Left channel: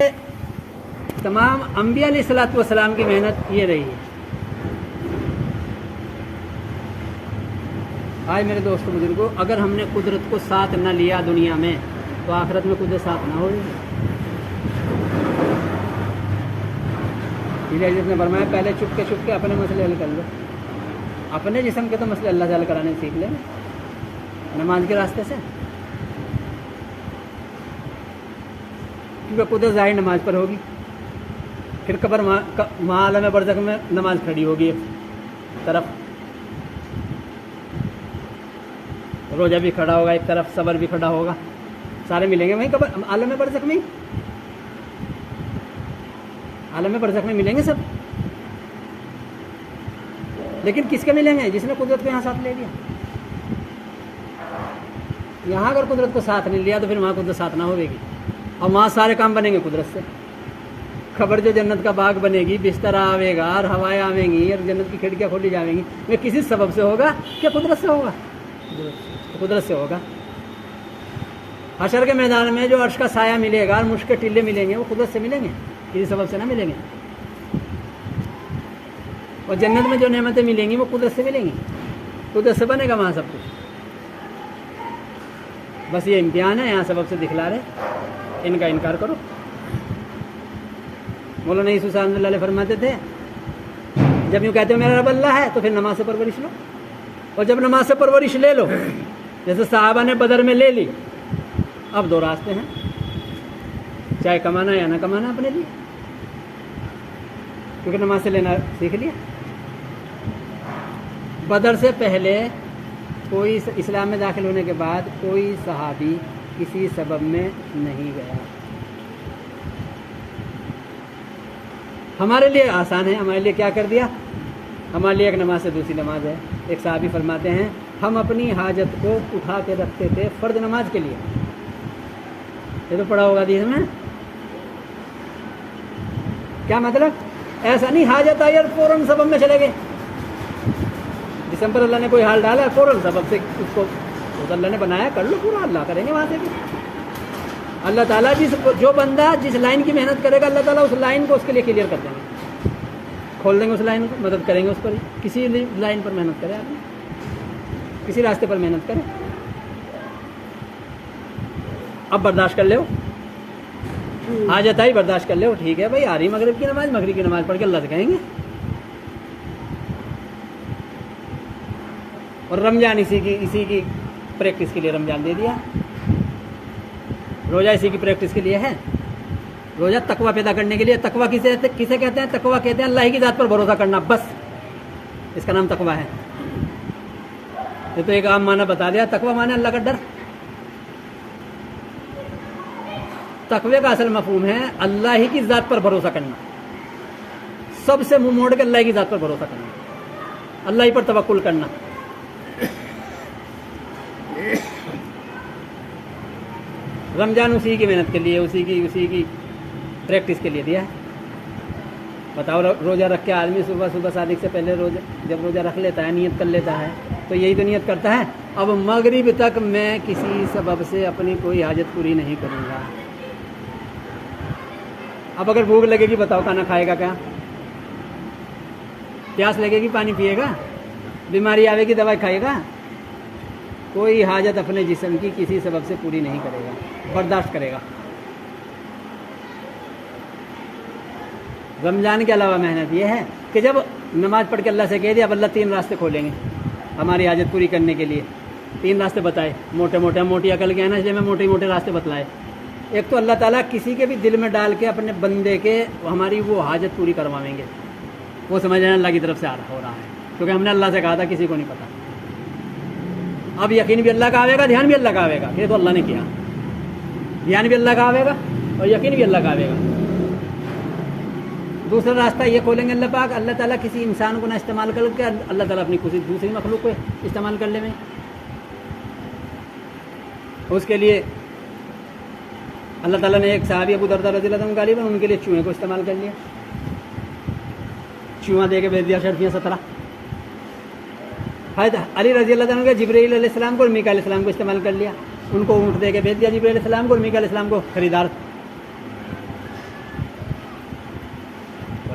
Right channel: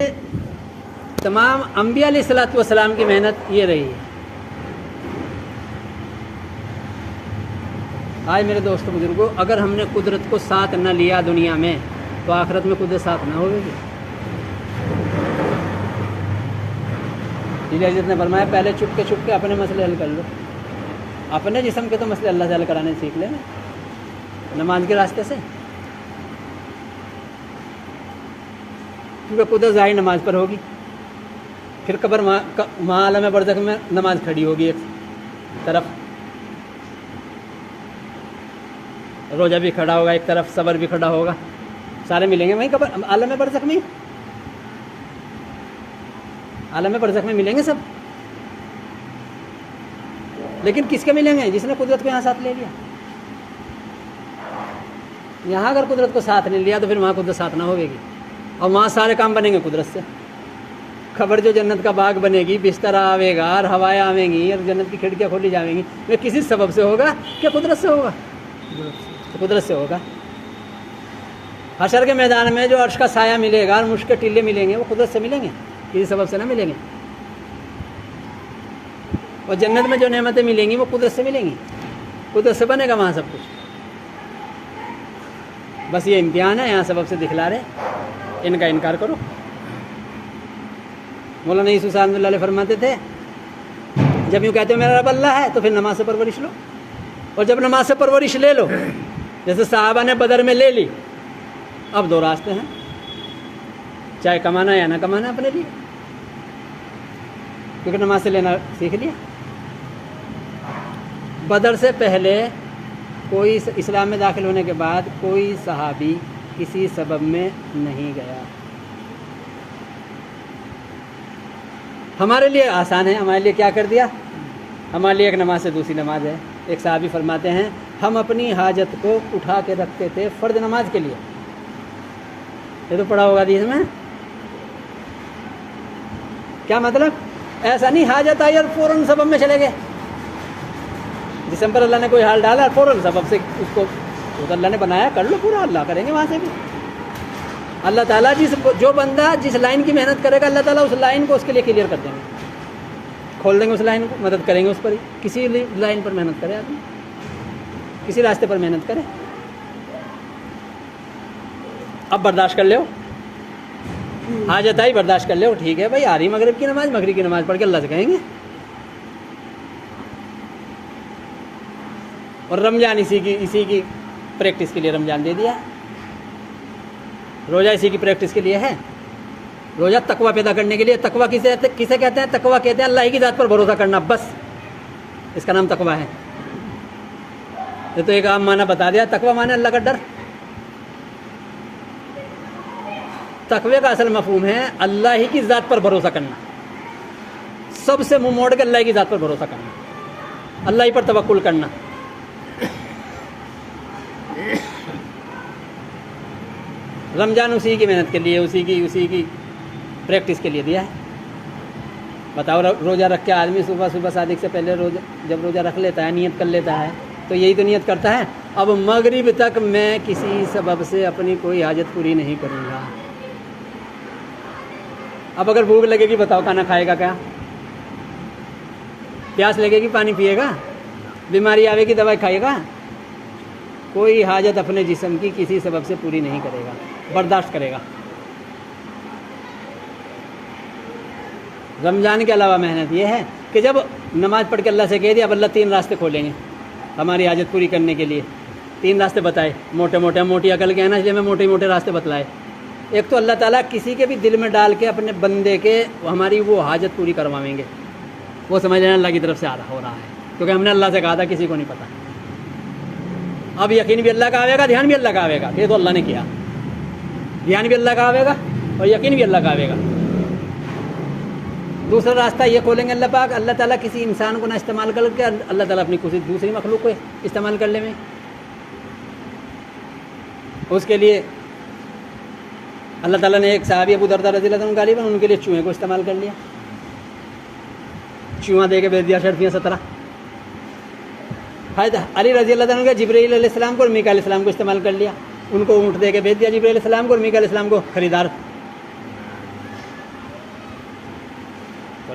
تمام انبیاء علیہ الصلوۃ والسلام کی محنت یہ رہی ہے۔ آج میرے دوستوں بزرگوں، اگر ہم نے قدرت کو ساتھ نہ لیا دنیا میں تو آخرت میں قدرت ساتھ نہ ہوگی۔ حضرت نے فرمایا پہلے چھپ کے اپنے مسئلے حل کر لو، اپنے جسم کے تو مسئلے اللہ سے حل کرانے سیکھ لیں نماز کے راستے سے، کیونکہ قدرت ظاہر نماز پر ہوگی، پھر قبر عالم برزخ میں نماز کھڑی ہوگی ایک طرف، روزہ بھی کھڑا ہوگا ایک طرف، صبر بھی کھڑا ہوگا، سارے ملیں گے وہیں قبر عالم برزخ میں، عالم برزخ میں ملیں گے سب، لیکن کس کے ملیں گے؟ جس نے قدرت کو یہاں ساتھ لے لیا۔ یہاں اگر قدرت کو ساتھ نہیں لیا تو پھر وہاں قدرت ساتھ نہ ہوگی، اور وہاں سارے کام بنیں گے قدرت سے۔ خبر جو جنت کا باغ بنے گی، بستر آئے گا اور ہوائیں آئیں گی اور جنت کی کھڑکیاں کھولی جائیں گی، وہ کسی سبب سے ہوگا کہ قدرت سے ہوگا؟ قدرت سے ہوگا۔ حشر کے میدان میں جو عرش کا سایہ ملے گا اور مشک کے ٹلے ملیں گے وہ قدرت سے ملیں گے، کسی سبب سے نہ ملیں گے۔ اور جنت میں جو نعمتیں ملیں گی وہ قدرت سے ملیں گی، قدرت سے بنے گا وہاں سب کچھ۔ بس یہ امتحان ہے، یہاں سبب سے دکھلا رہے، ان کا انکار کرو۔ مولانا یوسف صاحب اللہ علیہ فرماتے تھے جب یوں کہتے ہو میرا رب اللہ ہے تو پھر نماز سے پرورش لو، اور جب نماز سے پرورش لے لو، جیسے صحابہ نے بدر میں لے لی، اب دو راستے ہیں، چاہے کمانا یا نہ کمانا اپنے لیے، کیونکہ نماز سے لینا سیکھ لیا۔ بدر سے پہلے کوئی اسلام میں داخل ہونے کے بعد کوئی صحابی کسی سبب میں نہیں گیا۔ ہمارے لیے آسان ہے، ہمارے لیے کیا کر دیا؟ ہمارے لیے ایک نماز سے دوسری نماز ہے۔ ایک صحابی فرماتے ہیں ہم اپنی حاجت کو اٹھا کے رکھتے تھے فرض نماز کے لیے، یہ تو پڑھا ہوگا حدیث میں۔ کیا مطلب؟ ایسا نہیں حاجت آئی اور فوراً سبب میں چلے گئے، جسم پر اللہ نے کوئی حال ڈالا فوراً سبب سے اس کو اللہ نے بنایا کر لو پورا، اللہ کریں گے وہاں سے بھی۔ اللہ تعالیٰ جو بندہ جس لائن کی محنت کرے گا اللہ تعالیٰ اس لائن کو اس کے لیے کلیئر کر دیں گے، کھول دیں گے اس لائن کو، مدد کریں گے اس پر ہی۔ کسی لائن پر محنت کرے آدمی، کسی راستے پر محنت کرے۔ اب برداشت کر لو، حاجت آئی برداشت کر لو، ٹھیک ہے بھائی، آ رہی مغرب کی نماز پڑھ کے اللہ سے کہیں گے۔ اور رمضان اسی کی پریکٹس کے لیے رمضان دے دیا ہے، روزہ اسی کی پریکٹس کے لیے ہے۔ روزہ تقویٰ پیدا کرنے کے لیے۔ تقویٰ کسے کہتے ہیں؟ تقویٰ کہتے ہیں اللہ ہی کی ذات پر بھروسہ کرنا، بس اس کا نام تقویٰ ہے۔ یہ تو ایک عام معنی بتا دیا، تقویٰ معنی اللہ کا ڈر۔ تقوی کا اصل مفہوم ہے اللہ ہی کی ذات پر بھروسہ کرنا، سب سے منہ موڑ کے اللہ ہی کی ذات پر بھروسہ کرنا، اللہ ہی پر توکل کرنا۔ رمضان اسی کی محنت کے لیے، اسی کی پریکٹس کے لیے دیا ہے۔ بتاؤ، روزہ رکھ کے آدمی صبح صادق سے پہلے جب روزہ رکھ لیتا ہے، نیت کر لیتا ہے، تو یہی تو نیت کرتا ہے اب مغرب تک میں کسی سبب سے اپنی کوئی حاجت پوری نہیں کروں گا۔ اب اگر بھوک لگے گی بتاؤ کھانا کھائے گا کیا؟ پیاس لگے گی پانی پیے گا؟ بیماری آئے گی دوائی کھائے گا؟ کوئی حاجت اپنے جسم کی کسی سبب سے پوری نہیں کرے گا، برداشت کرے گا۔ رمضان کے علاوہ محنت یہ ہے کہ جب نماز پڑھ کے اللہ سے کہہ دیا اب اللہ 3 راستے کھولیں گے ہماری حاجت پوری کرنے کے لیے، 3 راستے بتائے، موٹی عقل کے ہیں نا، اس لیے میں موٹے راستے بتلائے۔ ایک تو اللہ تعالیٰ کسی کے بھی دل میں ڈال کے اپنے بندے کے ہماری وہ حاجت پوری کروائیں گے، وہ سمجھ لینا اللہ کی طرف سے ہو رہا ہے، کیونکہ ہم نے اللہ سے کہا تھا کسی کو نہیں پتا۔ اب یقین بھی اللہ کا آئے گا، دھیان بھی اللہ کا آئے گا، یہ تو اللہ نے کیا، دھیان بھی اللہ کا آئے گا اور یقین بھی اللہ کا آئے گا۔ دوسرا راستہ یہ کھولیں گے اللہ پاک، اللہ تعالیٰ کسی انسان کو نہ استعمال کر کے اللہ تعالیٰ اپنی کسی دوسری مخلوق کو استعمال کر لے میں، اس کے لیے اللہ تعالیٰ نے ایک صحابی ابو درداء رضی اللہ عنہ غالباً ان کے لیے چوہے کو استعمال کر لیا، چوہا دے کے بھیج دیا شرفیاں 17۔ علی رضی اللہ عنہ جبرائیل علیہ السلام کو اور میکا علیہ السلام کو استعمال کر لیا، ان کو اونٹ دے کے بھیج دیا جبرائیل علیہ السلام کو اور میکا علیہ السلام کو خریدار